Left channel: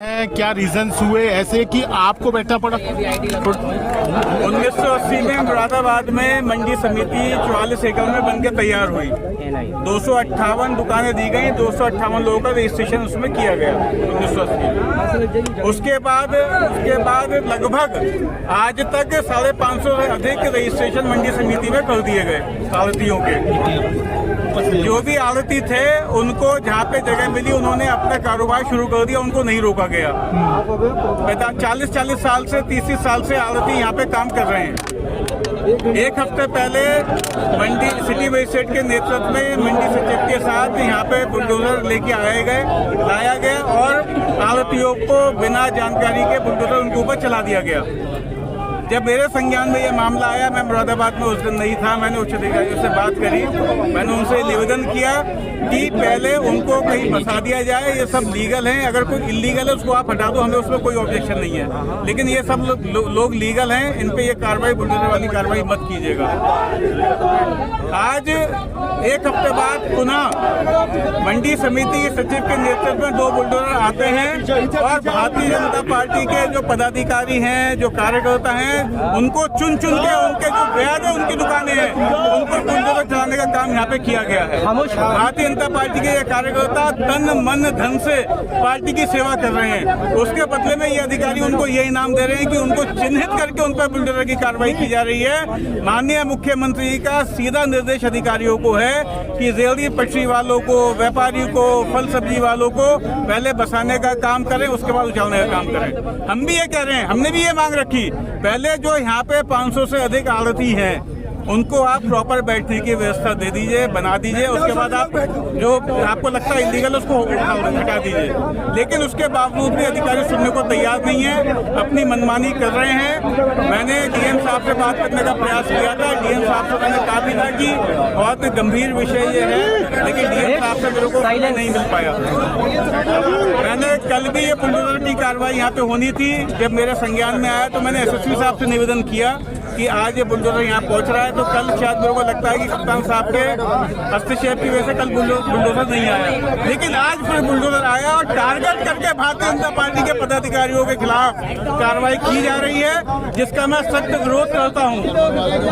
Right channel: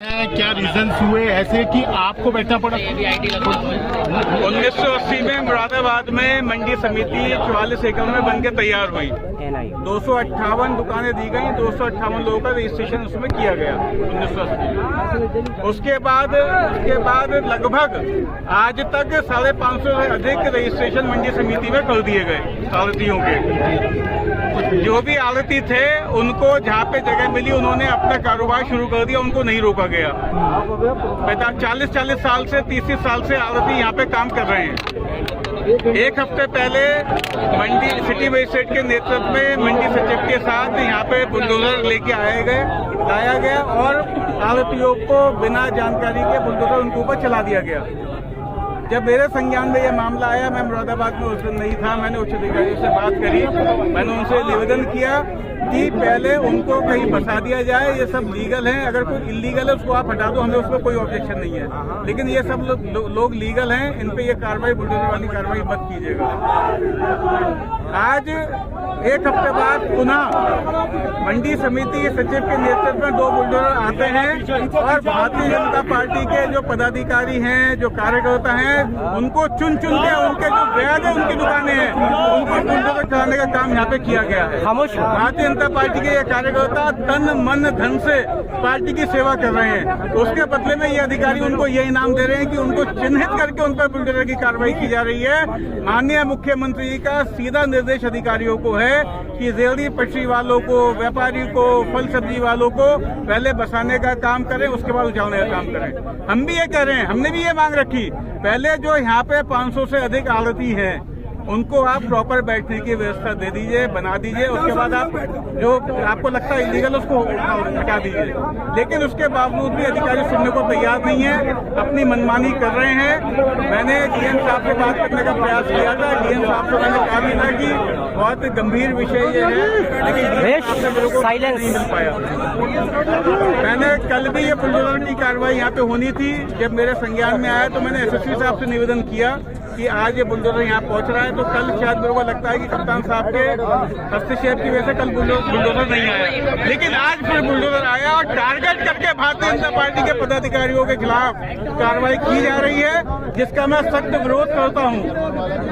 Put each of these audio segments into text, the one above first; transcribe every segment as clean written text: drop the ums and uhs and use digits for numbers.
क्या रीजंस हुए ऐसे कि आपको बैठना पड़ा? 1980 में मुरादाबाद में मंडी समिति 44 एकड़ में बनकर तैयार हुई। 258 दुकानें दी गई, 258 लोगों का रजिस्ट्रेशन उसमें किया गया 1980। उसके बाद लगभग आज तक 550 से अधिक रजिस्ट्रेशन मंडी समिति में कर दिए गए आढ़तियों के। जो भी आढ़ती थे उनको जहाँ पे जगह मिली उन्होंने अपना कारोबार शुरू कर दिया, उनको नहीं रोका गया। 40 साल से 30 साल से आढ़ती यहाँ पे काम कर रहे हैं। एक हफ्ते पहले मंडी सिटी मजिस्ट्रेट के नेतृत्व में मंडी सचिव के साथ यहाँ पे बुलडोजर लेके लाया गया और आढ़तियों को बिना जानकारी के बुलडोजर उनके ऊपर चला दिया गया। जब मेरे संज्ञान में ये मामला आया, मैं मुरादाबाद में उस दिन नहीं था, मैंने उच्च अधिकारियों से बात करी, मैंने उनसे निवेदन किया कि पहले उनको कहीं फंसा दिया जाए। ये सब लीगल हैं, अगर कोई इलीगल है उसको आप हटा दो, हमें उसमें कोई ऑब्जेक्शन नहीं है, लेकिन ये सब लोग लीगल हैं, इन पे ये कार्रवाई बुलडोजर वाली कार्रवाई मत कीजिएगा। आज एक हफ्ते बाद पुनः मंडी समिति सचिव के नेतृत्व में 2 बुलडोजर आते हैं और भारतीय जनता पार्टी के जो पदाधिकारी हैं, जो कार्यकर्ता हैं, उनको चुन के उनके जो वैध उनकी दुकानें हैं उनको बुलडोजर चलाने का काम यहाँ पे किया गया है। भारतीय जनता पार्टी के ये कार्यकर्ता तन मन धन से पार्टी की सेवा कर रहे हैं, उसके बदले में ये अधिकारी उनको ये इनाम दे रहे हैं कि उनको चिन्हित करके उन पर बुलडोजर की कार्रवाई की जा रही है। माननीय मुख्यमंत्री जी का सीधा निर्देश अधिकारियों को है कि रेहड़ी पटरी वालों को, व्यापारी को, फल सब्जी वालों को पहले बसाने का काम करें, उसके बाद उछालने का काम करें। हम भी ये कह रहे हैं, हमने भी ये मांग रखी, पहले जो यहाँ पे 500 से अधिक आढ़ती हैं उनको आप प्रॉपर बैठने की व्यवस्था दे दीजिए, बना दीजिए, उसके बाद आप जो आपको लगता है इलीगल उसको हटा दीजिए। लेकिन उसके बावजूद भी अधिकारी सुनने को तैयार नहीं है, अपनी मनमानी कर रहे हैं। मैंने डीएम साहब से बात करने का प्रयास किया था, डीएम साहब से मैंने कहा भी था कि बहुत गंभीर विषय ये है, लेकिन डीएम साहब से मेरे को नहीं मिल पाया। मैंने कल भी ये बुलडोजर की कार्रवाई यहाँ पे होनी थी, जब मेरे संज्ञान में आया तो मैंने एसएसपी साहब से निवेदन किया कि आज ये बुलडोजर यहाँ पहुँच रहा है, तो कल शायद मेरे को लगता है कि कप्तान साहब के हस्तक्षेप की वजह से कल बुलडोजर नहीं आया, लेकिन आज फिर बुलडोजर आया और टारगेट करके भारतीय जनता पार्टी के पदाधिकारियों के खिलाफ कार्रवाई की जा रही है, जिसका मैं सख्त विरोध करता हूँ।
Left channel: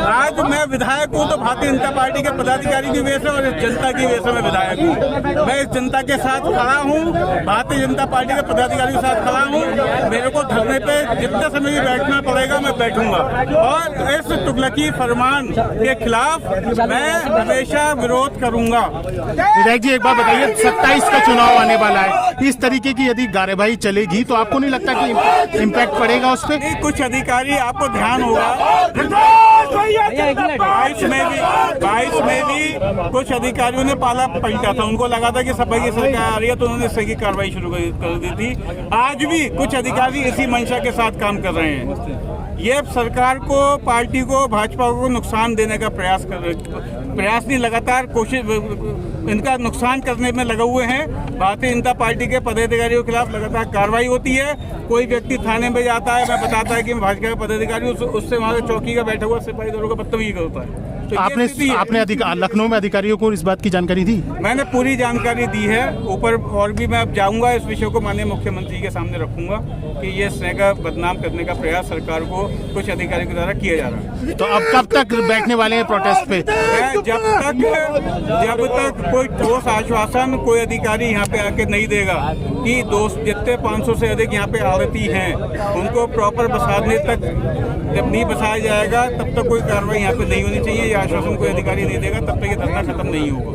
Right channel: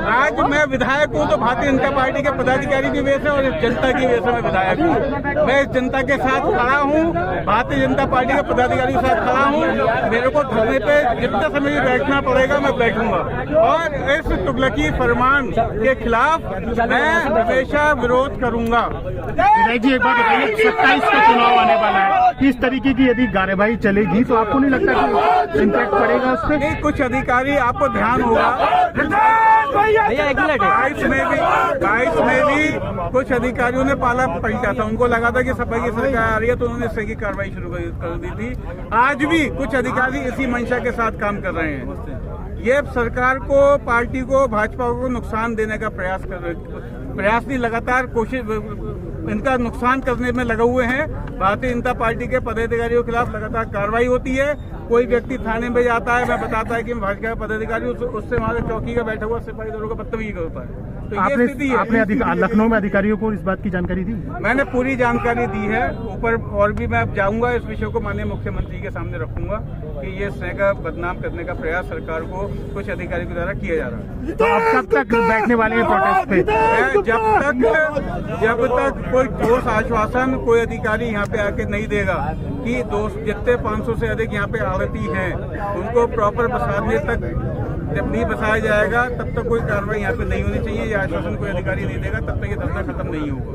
आज मैं विधायक हूँ तो भारतीय जनता पार्टी के पदाधिकारी की वजह से और इस जनता की वजह से मैं विधायक हूँ। मैं इस जनता के साथ खड़ा हूँ, भारतीय जनता पार्टी के पदाधिकारी के साथ खड़ा हूँ। मेरे को धरने पे जितने समय भी बैठना पड़ेगा मैं बैठूंगा और इस तुगलकी फरमान के खिलाफ मैं हमेशा विरोध करूंगा। विधायक जी, एक बात बताइए, 27 का चुनाव आने वाला है, इस तरीके की यदि कार्यवाही चलेगी तो आपको नहीं लगता कि इम्पैक्ट पड़ेगा उस पर? कुछ अधिकारी, आपको ध्यान होगा 22 में भी कुछ अधिकारियों ने पाला पलटा था, उनको लगा था कि सफाई की सरकार आ रही है तो उन्होंने इसकी कार्रवाई शुरू कर दी थी। आज भी कुछ अधिकारी इसी मंशा के साथ काम कर रहे हैं। ये सरकार को, पार्टी को, भाजपा को नुकसान देने का प्रयास नहीं, लगातार कोशिश इनका नुकसान करने में लगे हुए हैं। भारतीय जनता पार्टी के पदाधिकारियों के खिलाफ लगातार कार्रवाई होती है। कोई व्यक्ति थाने में जाता है, मैं बताता है कि भाजपा के पदाधिकारी उससे वहाँ चौकी का बैठा हुआ सिपाही दलों का बदतमीजी करता है। तो आपने लखनऊ में अधिकारियों को इस बात की जानकारी दी? मैंने पूरी जानकारी दी है ऊपर, और भी मैं जाऊंगा इस विषय को माननीय मुख्यमंत्री के सामने रखूंगा कि ये स्नेह का बदनाम करने का प्रयास सरकार को कुछ अधिकारियों के द्वारा किया जा रहा है। तो अब कब तक बैठने वाले हैं प्रोटेस्ट पे? जब तक कोई ठोस आश्वासन कोई अधिकारी यहाँ पे आके नहीं देगा कि जितने 500 से अधिक यहाँ पे आढ़ती हैं उनको प्रॉपर बसाने तक जब नहीं बसाया जाएगा तब तक कोई कार्रवाई यहाँ पे नहीं होनी चाहिए। ये आश्वासन कोई अधिकारी नहीं देगा तब तक ये धरना खत्म नहीं होगा।